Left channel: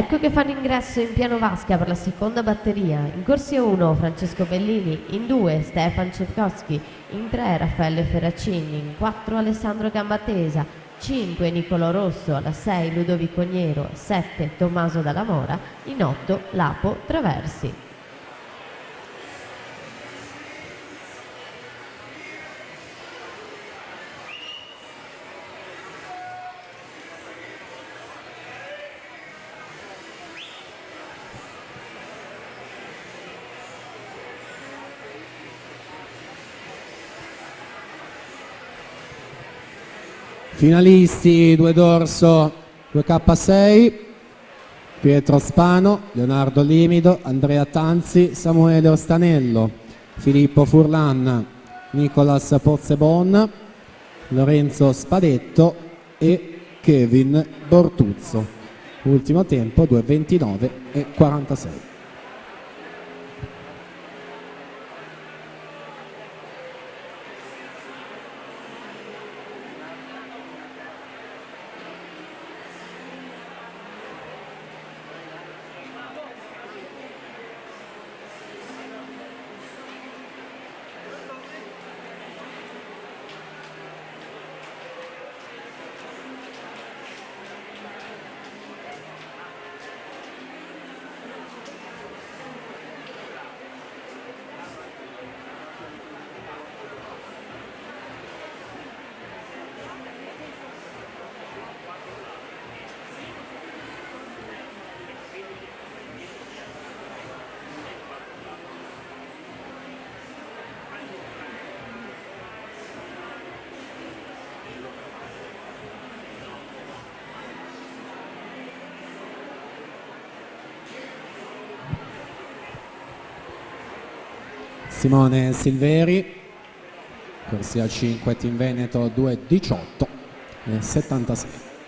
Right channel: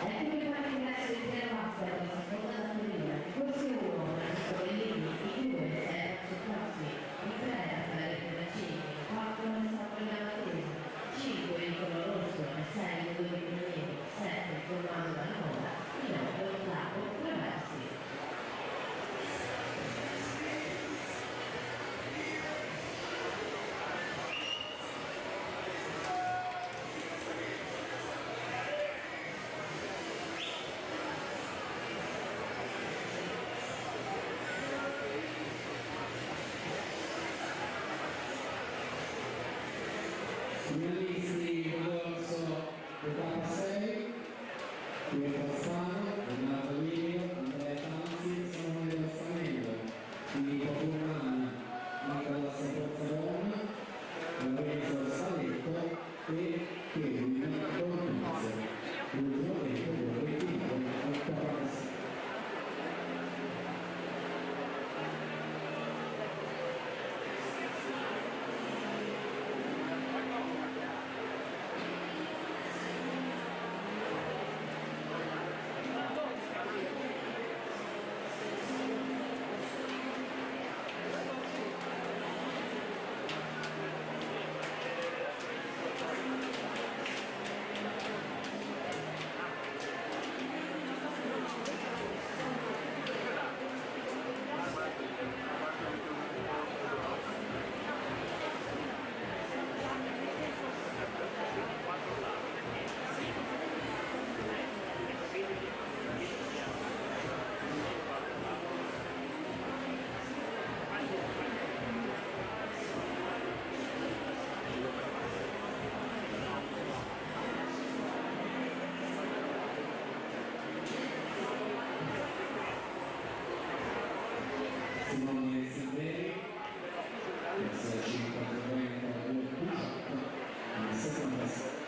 Ecco che fanno ingresso in piano vasca per la seconda batteria. In corsia 1 Francesco Bellini, in 2 Stefan Cerkowski, in 3 Raffaele Ferracini, in 4 Alessandro Gambatesa, 5 Nicolò Rosso, alla 6 Ludovico Niero, 7 Tommaso Dalla Mora, in 8 Lapo Traversi. Finalisti 2 dorso 2K6, Pietro Spano, Leonardo Limido, Andrea Tanzi, Samuele Ostanello, Filippo Furlan, Nicolas Pozzebon, Lorenzo Spadetto e Kevin Bortuzzo. Ultimo tempo 2:29:46. Simone Silveri, corsia 5 Team Veneto 2:18:76.